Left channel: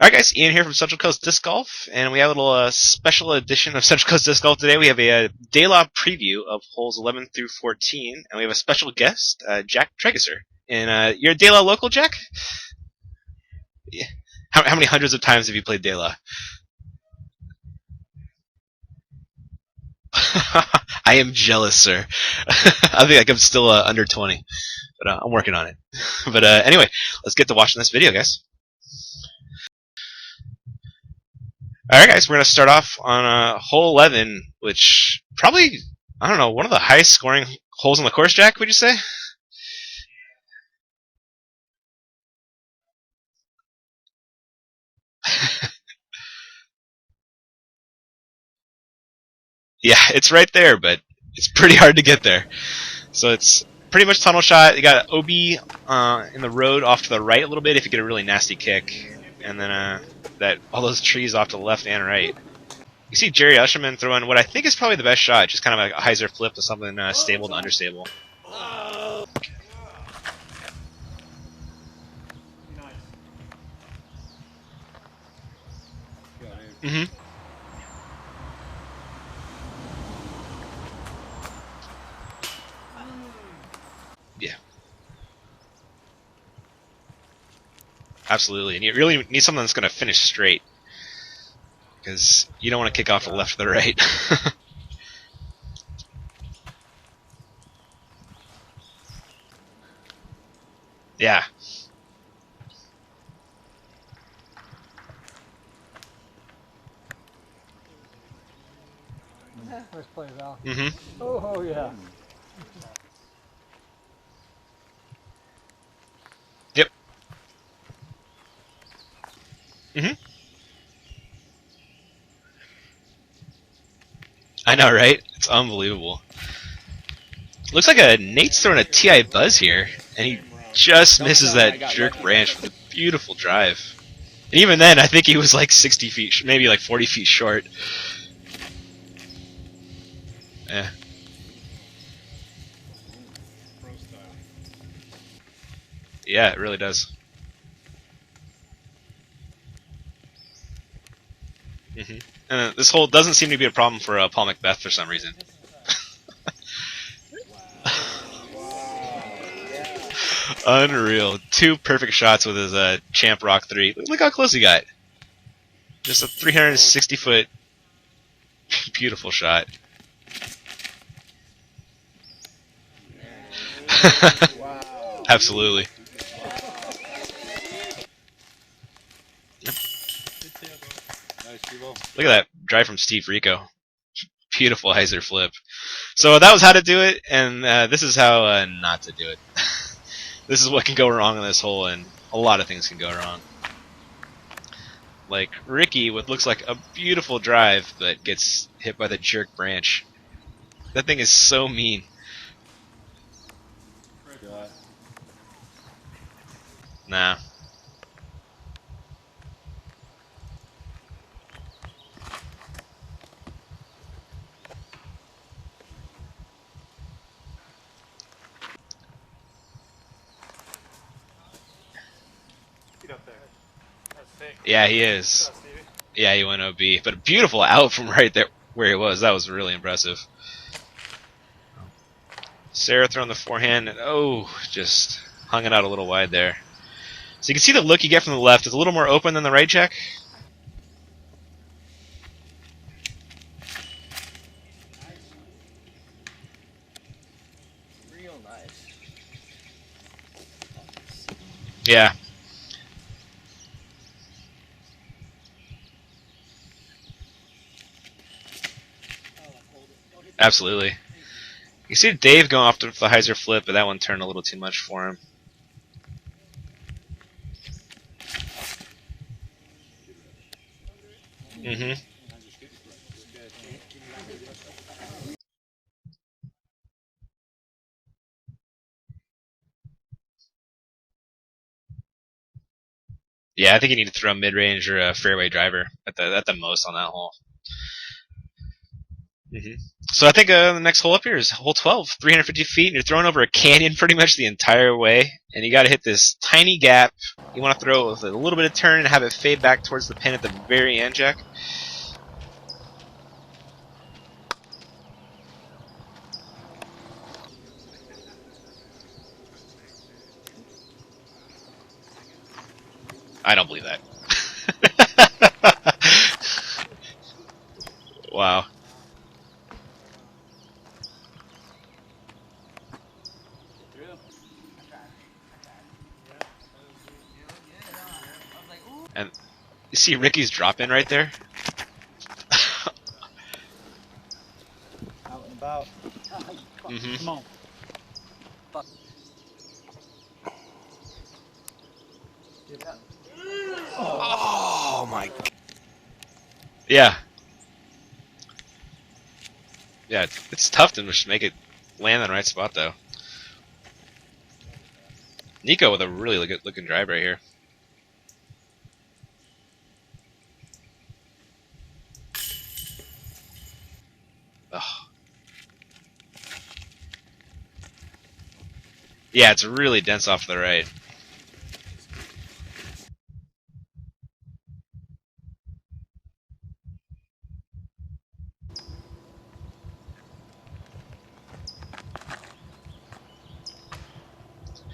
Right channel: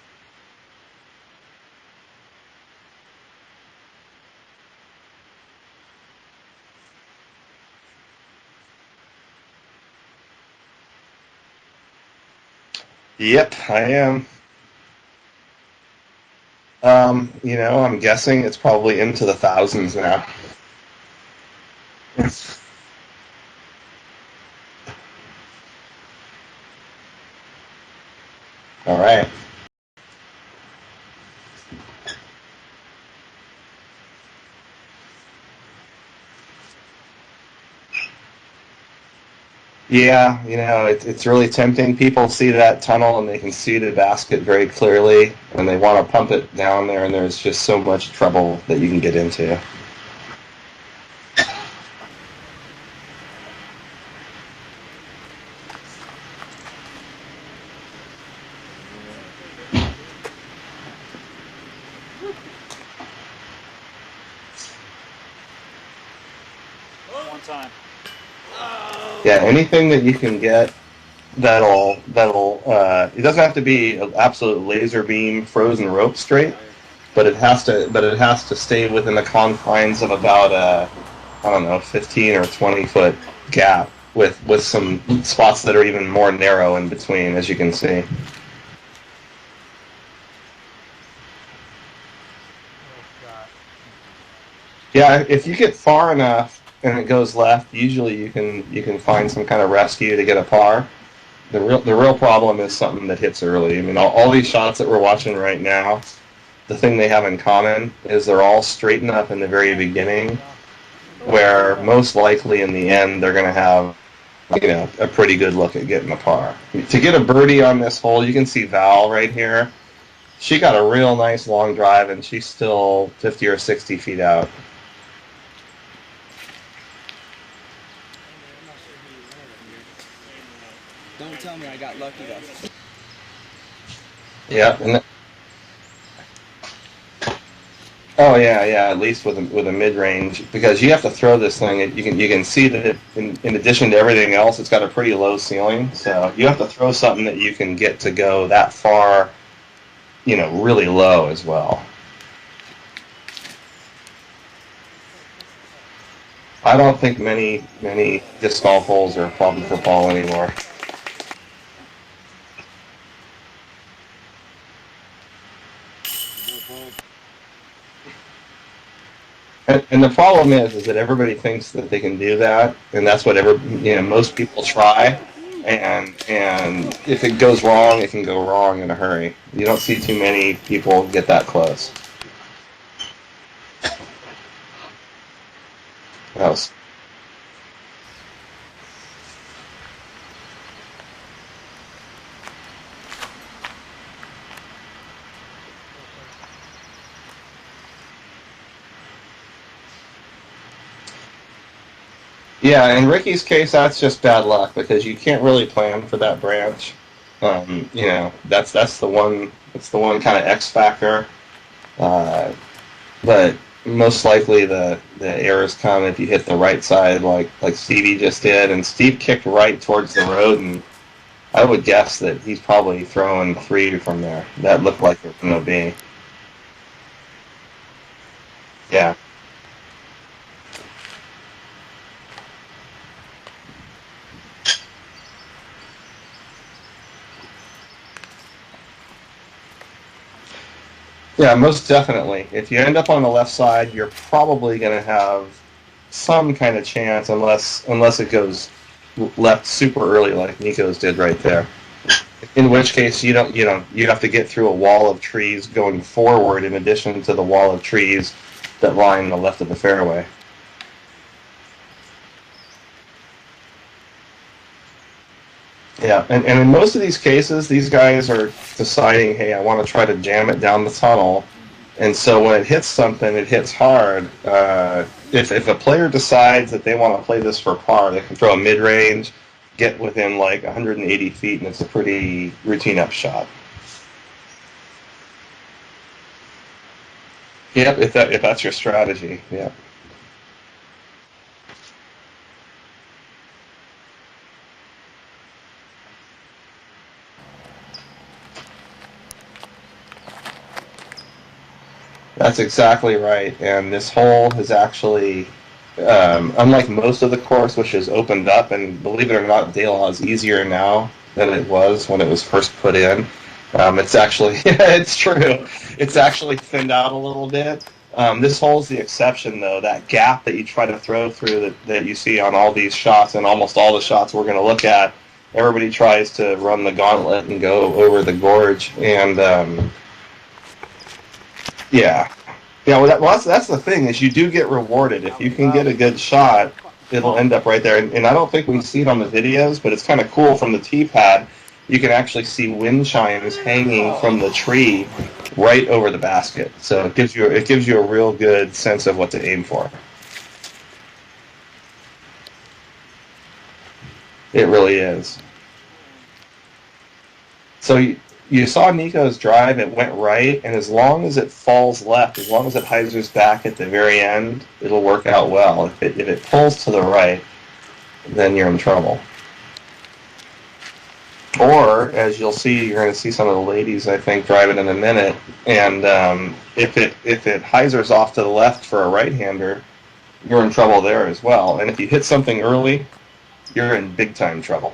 All right, guys, Ian here from Central Coast Disc Golf, and we have a little special edition of Central Coast Disc Golf today. We have a DeLa preview of holes 11 through 14, and we have a special guest, Jack Tregesser. And you're a DeLa local, Jack? Yep, I am. How many hundreds of times have you played DeLa? I'm guessing it's probably into the thousands now. I am jealous, sir. I think I'm still under 20, but I'm working on it. But anyway, let's get to watching this video, guys. All right. Alright guys, we're going to start off on hole 11, which probably, I don't know, one of the highest scoring holes on the course, Jack, would you say? Yeah, it's really tempting. People see that tunnel and they can see the basket very clearly, and they want to pump it down there, and there's just so much trouble that you can get into. Yeah, it's right there, but it's pretty hard to get there. So it's pretty much tunnel shot. You got OB in the road off to the right a little bit if you get a really nasty kick, and then all those trees off to the left and right. You see Jerry Usherman throwing what I think is probably the best shot, just kind of like a hyzer flip with something stable to understable. Yeah, anything that you can get that'll it doesn't have to be an absolute laser beam frozen rope straight, but it has to stay within the confines of about I don't know, 15 or 20 foot gap with some spots that are even more narrow in between, as you can see. Absolutely, and you really need something that's going to finish straight, because you don't want to kick off to the left or the right. Yeah, if you get far enough and it goes left, usually you can find some kind of rescue to get a par. Yeah. The real problem is something that hits early. I mean, all these shots that we're watching right now, the thing they have in common is they're all straight enough in the very beginning, where most likely in the end they're going to have a pretty good look at getting a par. Yep. To get a birdie on this hole, you can see Val right here. She got a real nice long drive, and she's still 50 or 60 feet out. I know, right? It's unbelievable. Looks like Nate's throwing a TI Buzz here, and he just misses that jerk branch with a beautiful drive. Yeah, Even then, I think he was like 60 feet, maybe like 40 feet short. Oh yeah, at least with a mid range, because you have to throw this thing. You can see that in addition to everything else, it's got a pretty low ceiling. So you have to throw something that you can get to go that far, really low as well. And this hole doesn't seem to be a problem for Paul Macbeth for some reason. I don't think many disc golf holes are a problem for Paul anymore. Unreal. 2 perfect shots with his Champ Rock 3. Look how close he got. Just a 360-foot beautiful shot. And the problem is that everybody thinks that they can do that, and that's what most people try. Absolutely. And if it goes wrong, it can go wrong in a hurry. You don't see too many people get that close. Look at that drive from Steve Rico. Beautiful hyzer flip. So that was how to do it, and this is how not to do it. This is what can go wrong on this hole, and a lot of things can go wrong. Like Ricky with looks like a beautiful drive, but gets hit by the jerk branch. That thing is so mean. Yeah, in Ricky's case, that's just bad luck, because you can't really plan for that branch. Nah. That's the one. It's the one kind of X factor. But most likely the errors come if you hit the right side, like Stevie just did, and Steve kicked right towards the road, and I would guess that he's probably throwing 3 from there. That looked like it was an OB. Yeah, he went OB, but a beautiful out from right there where he was. That was really impressive. Sarah throwing the forehand, and just hung it out a little wide there. So you can see the look you get from the left. It's a little more open than the right, Jack. Yeah, most definitely. If you end up on the left side, you're probably going to have some kind of chance, unless it goes left super early like Nico's did right there. Yeah. In which case you have to get through a wall of trees going forward, in addition to the wall of trees that line the left of the fairway. Absolutely. You see Dave going off to the hyzer flip, but that one turned a little too much for him. Yeah, and in most of these cases, these guys are deciding, hey, I want to try to jam it down the tunnel. And so when it hits something, it hits hard. If a player decides that they want to play this for par, they can throw a mid-range, get within like 180 feet, and it's a pretty routine up shot. Yeah, I think you need to throw a mid-range or a fairway driver at the most on that hole. Yep, if that's your strategy, yeah. So I think the next hole up here is hole 12, 350 feet, and you're throwing over a canyon pretty much the entire way. and you got to hit this tiny gap. You want to throw it with a little bit of turn and have it fade back towards the pin at the very end, Jack. That's exactly right. And this hole has actually, unlike most of the course, which has opened up, and believe it or not, DeLa is easier now than it was when it was first put in. I don't believe it. It's actually, it's true. It's actually thinned out a little bit. Wow. This hole's the exception, though. That gap that you try to throw through that you see on all these shots, and almost all the shots we're going to look at, everybody tries to run the gauntlet and go over the gorge. And you see Ricky's drop in right there? Yeah. Yeah, well, that's the thing, is you do get rewarded. If you can get a good shot, it'll end up right there. And I don't think we see it on the videos, but it's kind of cool from the tee pad. You can actually see wind chimes hanging from the tree right over the basket. So Yeah. it gives you a real good sense of what to aim for. Yeah, it's tough to just make it land in the right spot, though. It really is. Nico with a really good looking drive right here. So you saw Nico's drive, it went right, and as long as it falls left, as long as it hyzers back at the very end, it'll work out well. If it pulls to the right, then you're in trouble. Yeah, it's really dense off to the right. Or, as you'll see, you're going to see some of the ladies, I think, drive it in a minute, and if it hyzers off to the left for a right-hander, you're in trouble there as well. And if you hit something early, you're in big-time trouble.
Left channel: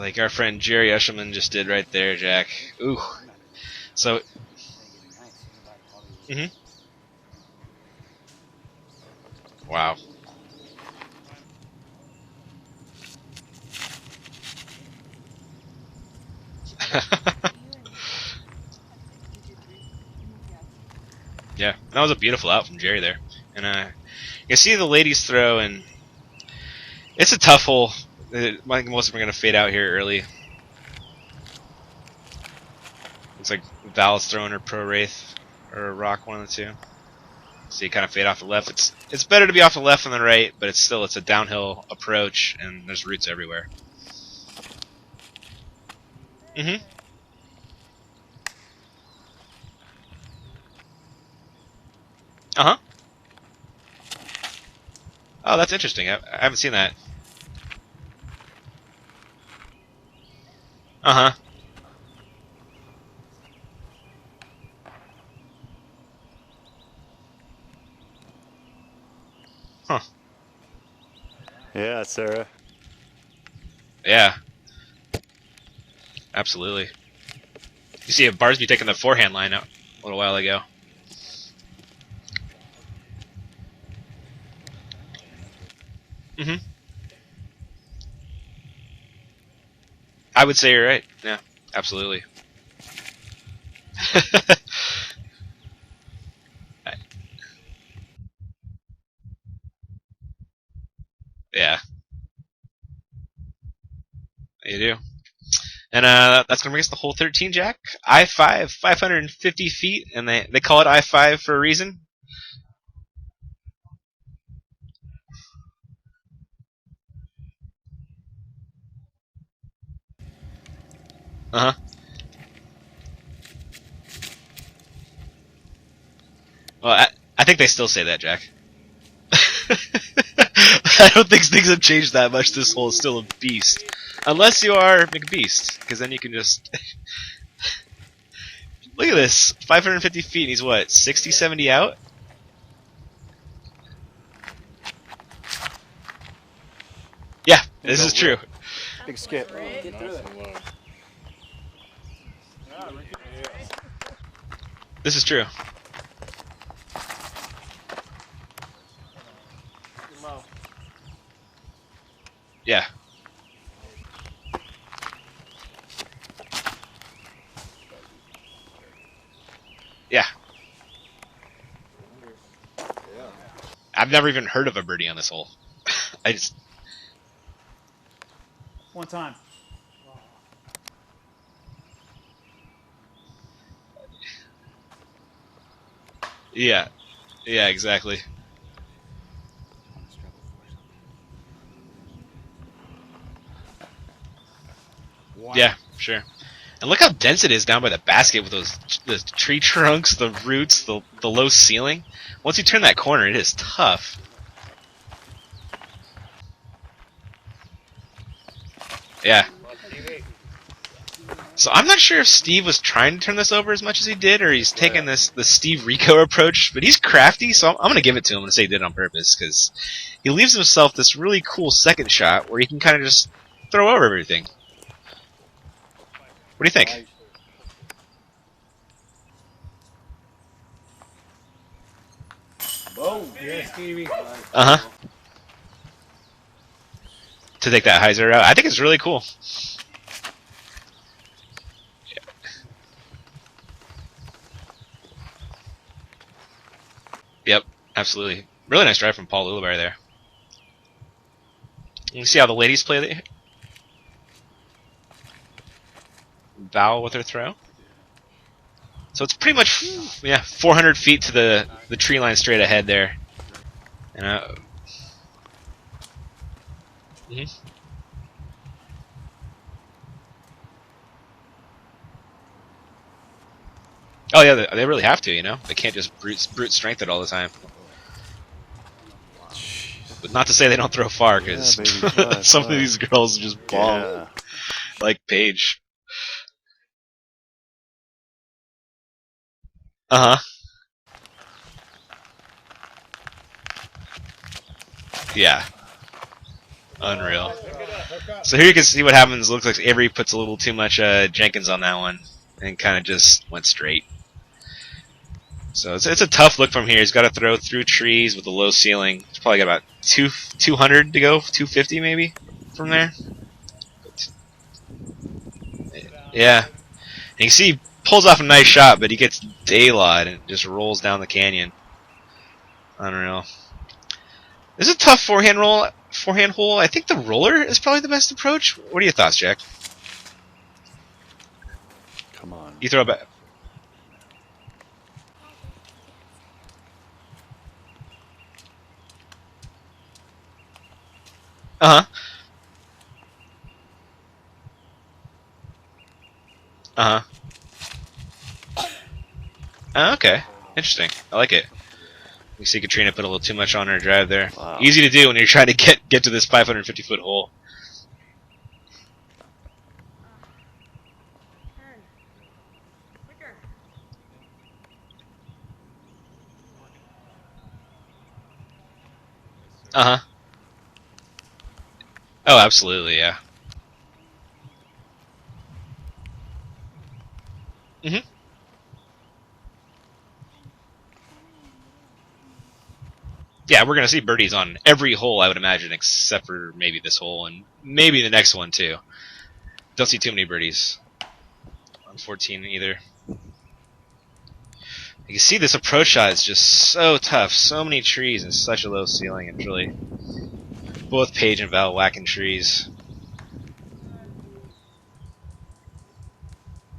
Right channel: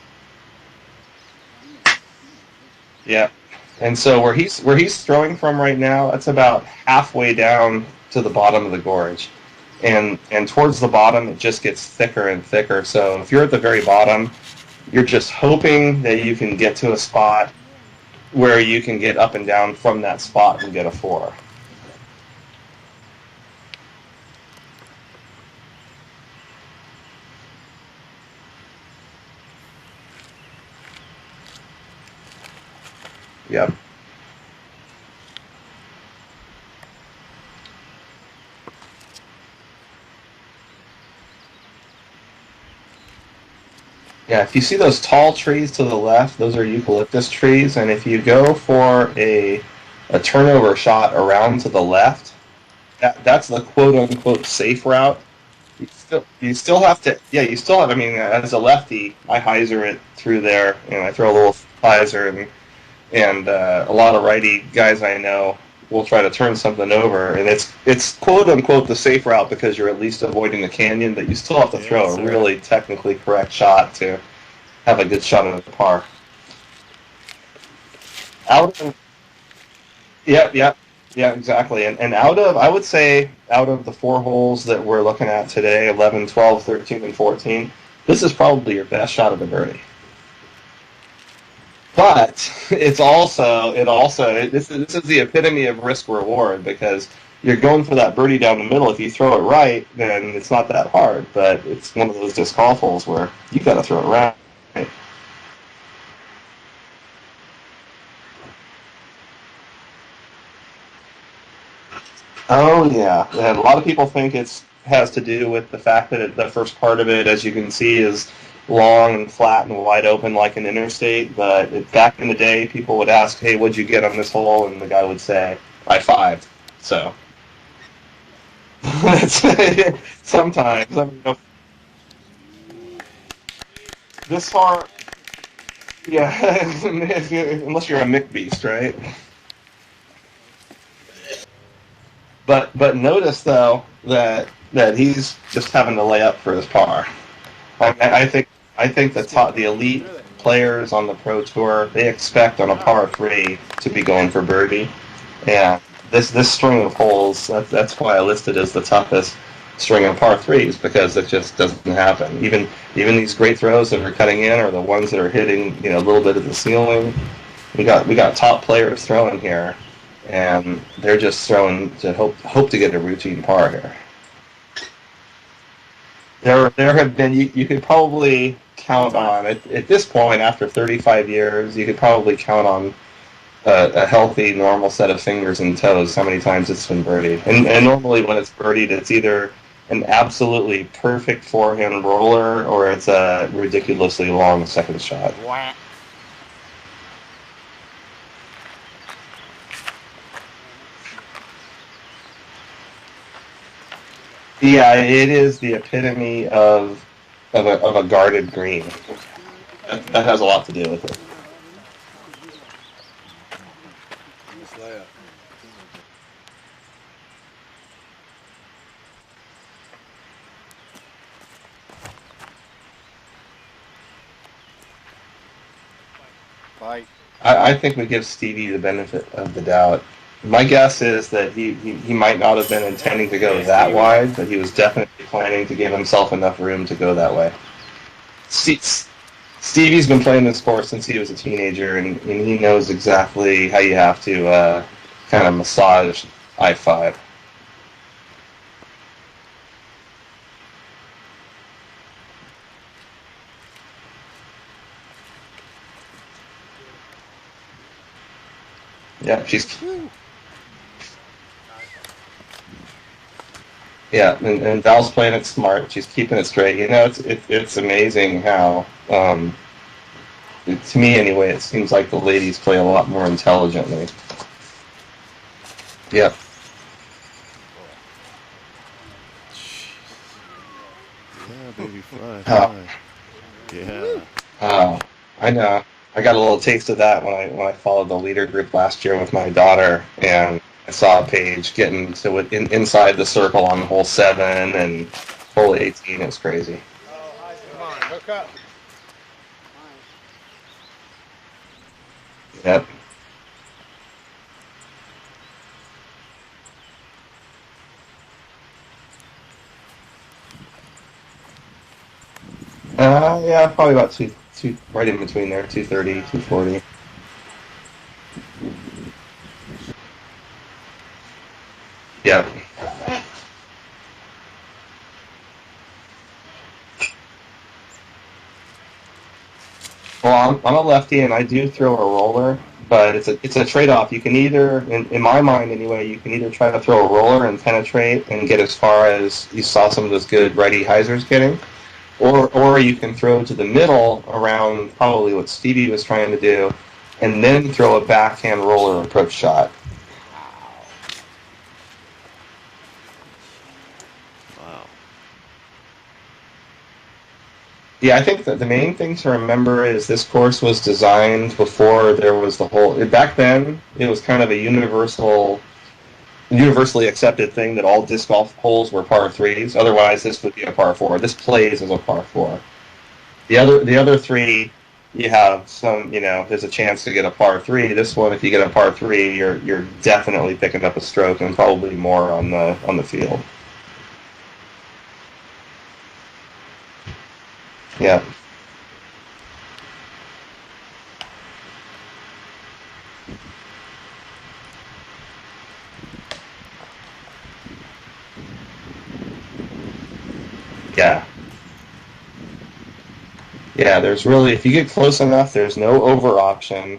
Like our friend Jerry Eshelman just did right there, Jack. Ooh. Yeah. And so where he's throwing from right now, that's about halfway down to the bottom of the gorge. Wow. And towards the bottom, it just gets thicker and thicker. So if you're at the very bottom, you're just hoping that you can get to a spot where you can get up and down from that spot and get a 4. Yeah, that was a beautiful out from Jerry there. And you can see the ladies throw, and it's a tough hole. I think most of them are going to fade out here early. It's like Val's throwing her Pro Wraith or Rock, one of the two. So you kind of fade off the left. It's better to be off the left than the right, but it's a downhill approach, and there's roots everywhere. Yeah, if you see those tall trees to the left, those are eucalyptus trees, and if you go for a turnover shot around to the left, that's the quote-unquote safe route. Oh, that's interesting. I haven't seen that. You still have, I mean, as a lefty, I hyzer it through there, throw a little hyzer, and a lot of righty guys I know will try to turn something over, and it's quote-unquote the safe route because you're at least avoiding the canyon, but you still have to throw a really technically correct shot to have a good shot at the par. Absolutely. You see a Barbie taking the forehand line out a little while ago. Yeah, exactly. And I would say, out of the 4 holes that we're looking at today, 11, 12, 13, and 14, this is probably your best shot at a birdie. I would say you're right. Yeah, absolutely. But this is the epitome of risk reward, because you're going for that birdie down the middle. If you throw it right, then it's not that hard. But it's one of those disc golf holes where you got to throw it right. You do. And that's going to bring us to hole 13, Jack. I-5, 550 feet, and they call it I-5 for a reason. Oh, yeah. And a lot of people think it has to do with the fact that the first part of it, as you can see, is long and flat and wide open like an interstate. But back in the day, people would ask, hey, what'd you get on this hole? And the guy would say, I-5. Well, I think they still say that, Jack. Sometimes. I don't think things have changed that much. This hole is still a beast. Unless you are McBeast, because then you can just... Unless you're a McBeast, right? Look at this, 550 feet, and he's what, 60, 70 out? But notice, though, that he's just having to lay up for his par. Yeah, this is true. I think the elite players on the Pro Tour, they expect on a par 3 to be going for birdie. This is true. Yeah, this string of holes, that's why I listed as the toughest string of par 3s, because it just doesn't happen. Even these great throws that are cutting in are the ones that are hitting a little bit of the ceiling. We got top players throwing here. Yeah. And they're just throwing to hope to get a routine par here. I've never even heard of a birdie on this hole. There have been, you could probably count on, at this point, after 35 years, you could probably count on a healthy, normal set of fingers and toes how many times it's been birdied. And normally when it's birdied, it's either an absolutely perfect forehand roller or it's a ridiculously long second shot. Wow. Yeah, sure. And look how dense it is down by the basket with those tree trunks, the roots, the low ceiling. Once you turn that corner, it is tough. Yeah, it is the epitome of a guarded green. Yeah. That has a lot to do with it. So I'm not sure if Steve was trying to turn this over as much as he did, or he's taking the Steve Rico approach. But he's crafty, so I'm going to give it to him and say he did it on purpose, because he leaves himself this really cool second shot where he can kind of just throw over everything. What do you think? I think we give Stevie the benefit of the doubt. My guess is that he might not have been intending to go that wide, but he was definitely planning to give himself enough room to go that way. To take that hyzer out? I think it's really cool. Stevie's been playing this sport since he was a teenager, and he knows exactly how you have to kind of massage I-5. Yep, absolutely. Really nice drive from Paul Lilleberry there. You can see how the ladies play the Val with her throw. So it's pretty much 400 feet to the tree line straight ahead there. Yeah, and Val's playing it smart. She's keeping it straight. You know, it's amazing how, to me anyway, it seems like the ladies play a lot more intelligently. Oh yeah, they really have to. You know, they can't just brute strength it all the time. But not to say they don't throw far, because some of these girls just bomb. Like Paige. I know. I got a little taste of that when I followed the leader group last year with my daughter, and I saw Paige getting to inside the circle on hole 7 and hole 18. It's crazy. Unreal. So here you can see what happens. It looks like Avery puts a little too much Jenkins on that one, and kind of just went straight. So it's a tough look from here. He's got to throw through trees with a low ceiling. He's probably got about 200 to go, 250 maybe from there. Yeah, probably about two, right in between there, 230, 240. Yeah. And you can see he pulls off a nice shot, but he gets DeLa and it just rolls down the canyon. Yeah. I don't know. This is a tough forehand hole. I think the roller is probably the best approach. What are your thoughts, Jack? Well, I'm a lefty, and I do throw a roller, but it's a trade-off. You can either, in my mind anyway, you can either try to throw a roller and penetrate and get as far as you saw some of those good righty hyzers getting, or you can throw to the middle around probably what Stevie was trying to do, and then throw a backhand roller approach shot. Okay, interesting. I like it. You see Katrina put a little too much on her drive there. Wow. Easy to do when you're trying to get to this 550-foot hole. Yeah, I think that the main thing to remember is this course was designed before there was the whole. Back then, it was kind of a universally accepted thing that all disc golf holes were par 3s. Otherwise, this would be a par 4. This plays as a par 4. Oh, absolutely, yeah. The other 3, you have some. You know, there's a chance to get a par 3. This one, if you get a par 3, you're definitely picking up a stroke and probably more on the field. Yeah, we're gonna see birdies on every hole, I would imagine, except for maybe this hole and maybe the next one too. Don't see too many birdies. 14 either. You can see this approach shot is just so tough. So many trees and such a low ceiling. It's really both Paige and Val whacking trees. Yeah, there's really, if you get close enough, there's no over option,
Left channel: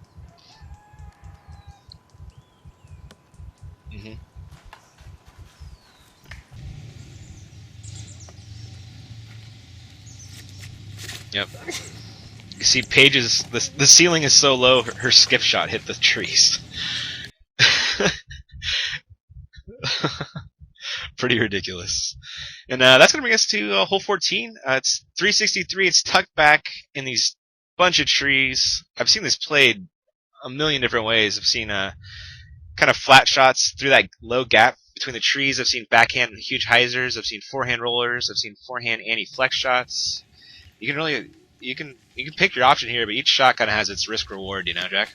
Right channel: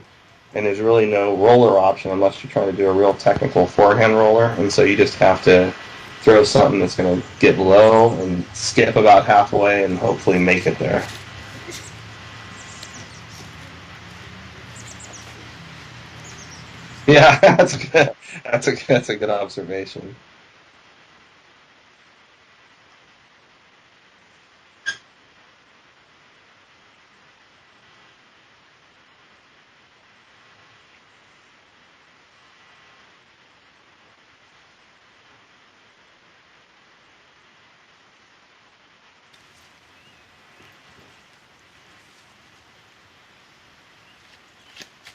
and there's really no roller option unless you're trying to do a real technical forehand roller, and so you just have to throw something that's going to get low and skip about halfway and hopefully make it there. Yep. You see Paige's, the ceiling is so low, her skip shot hit the trees. Yeah, that's a good observation. Pretty ridiculous. And that's going to bring us to hole 14. It's 363. It's tucked back in these bunch of trees. I've seen this played a million different ways. I've seen kind of flat shots through that low gap between the trees. I've seen backhand huge hyzers. I've seen forehand rollers. I've seen forehand anti-flex shots. You can pick your option here, but each shot kind of has its risk reward, you know, Jack?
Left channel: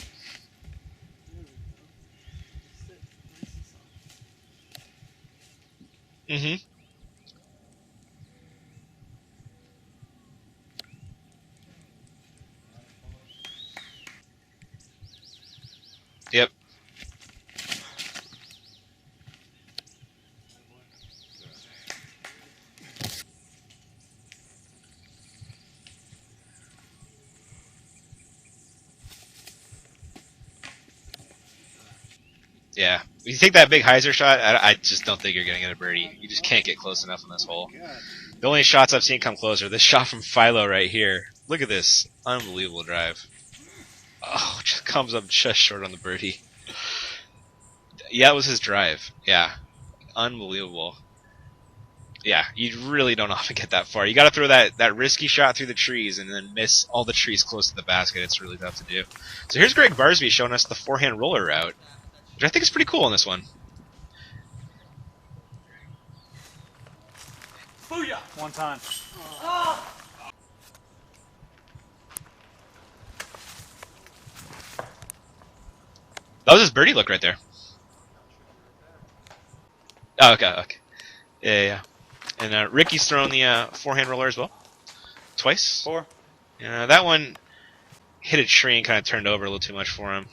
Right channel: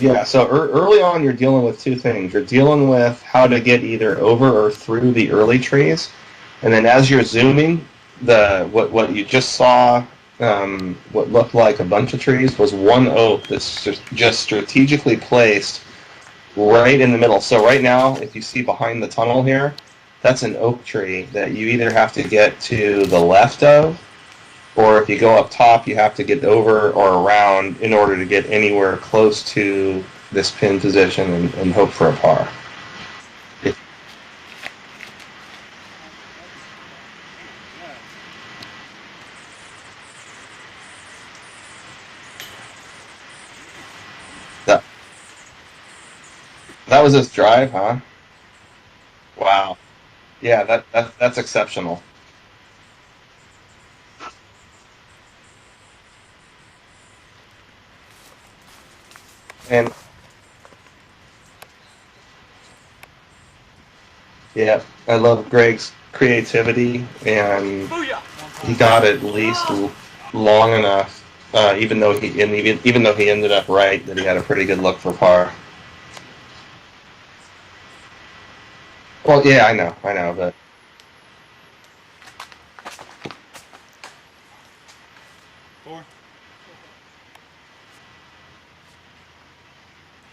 Yeah, so early on you're dealing with two things. You're dealing with how to get either over or through the early trees, and then as you're zooming, what you just saw, what looked like a bunch of trees was one oak that's just strategically placed right in the middle. So right now, if you see behind the tunnel here, that's an oak tree that you either have to get to the left of, or if you go up top, you have to get over or around in order to get anywhere close to this pin position and hope for a par. Yeah. If you take that big hyzer shot, I just don't think you're going to get a birdie. You just can't get close enough in this hole. The only shots I've seen come closer, this shot from Philo right here. Look at this. Unbelievable drive. Oh, just comes up just short on the birdie. That was his drive, huh? Yeah, it was his drive. Yeah. Wow. Unbelievable. Yeah, that's exceptional. Yeah, you really don't often get that far. You got to throw that risky shot through the trees and then miss all the trees close to the basket. It's really tough to do. So here's And Greg Barsby showing us the forehand roller route, which I think is pretty cool in this one. yeah, I love Greg's creativity, and he got it at least long enough. Even though he ended up right, that he had a pretty good look for par. That was his birdie look right there. Well, yeah, I know, Oh, okay, but okay. Yeah. And Ricky's thrown the forehand roller as well, twice. 4. That one hit a tree and kind of turned over a little too much for him.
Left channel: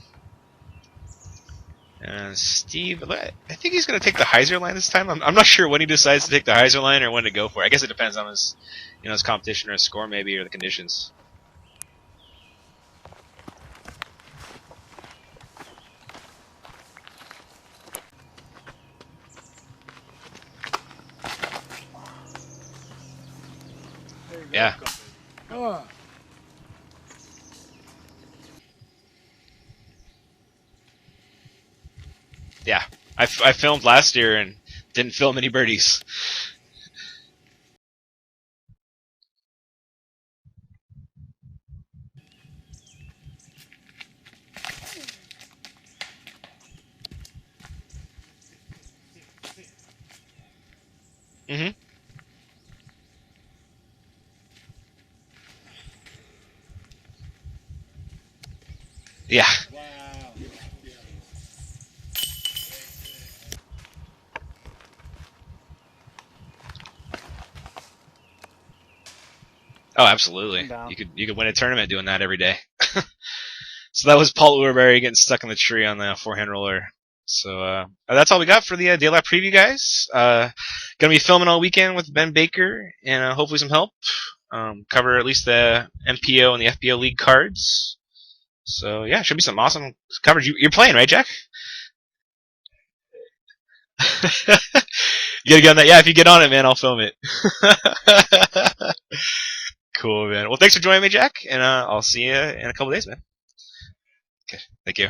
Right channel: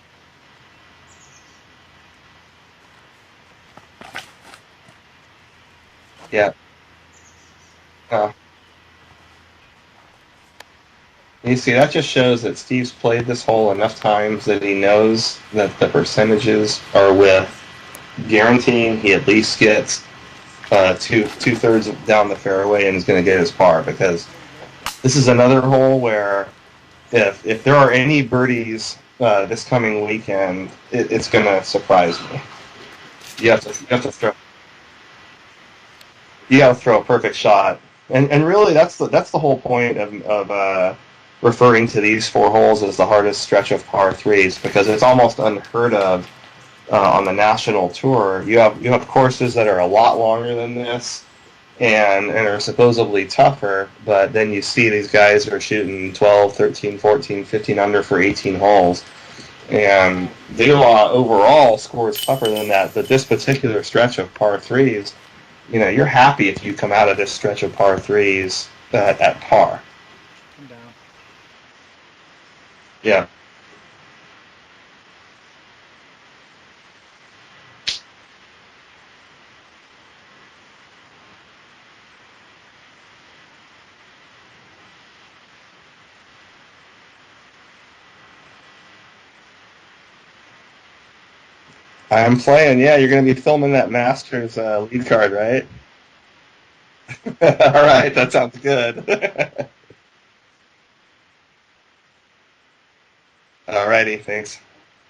Steve, I think he's going to take the hyzer line this time. I'm not sure when he decides to take the hyzer line or when to go for it. I guess it depends on his competition or his score maybe or the conditions. you see, that just shows that Steve's played this hole enough times that he knows that the percentages are with guaranteeing he at least gets two-thirds down the fairway and is going to get his par, because this is another hole where if there are any birdies this coming weekend, it's going to surprise me. Yeah, I filmed last year and didn't film any birdies. You got to throw a perfect shot, and really that's the whole point of referring to these 4 holes as the hardest stretch of par threes, because it's almost unheard of on the national tour. You have courses that are a lot longer than this. Mm-hmm. And are supposedly tougher, but then you see these guys are shooting 12, 13, 14, 15 under for 18 holes. Yeah. And DeLa overall scores tougher than that, but this particular stretch of par threes, you're happy if you come out of this stretch of par threes at par. Oh, absolutely. You could win a tournament doing that every day. Yeah. So that was Paul Uerberry getting stuck in the tree on the forehand roller. So that's all we got for the DeLa preview, guys. Gonna be filming all weekend with Ben Baker and hopefully some help. Cover at least the MPO and the FPO league cards. So yeah, should be some awesome coverage. You're playing, right, Jack? I'm playing. Yeah, you're gonna be filming that Masters league card, right? You gotta get on that. Yeah, if you get on it, man, I'll film it. All right, that sounds good. Cool, man. Well, thanks for joining me, Jack, and I'll see you in a couple days, man. All righty, thanks. Thank you.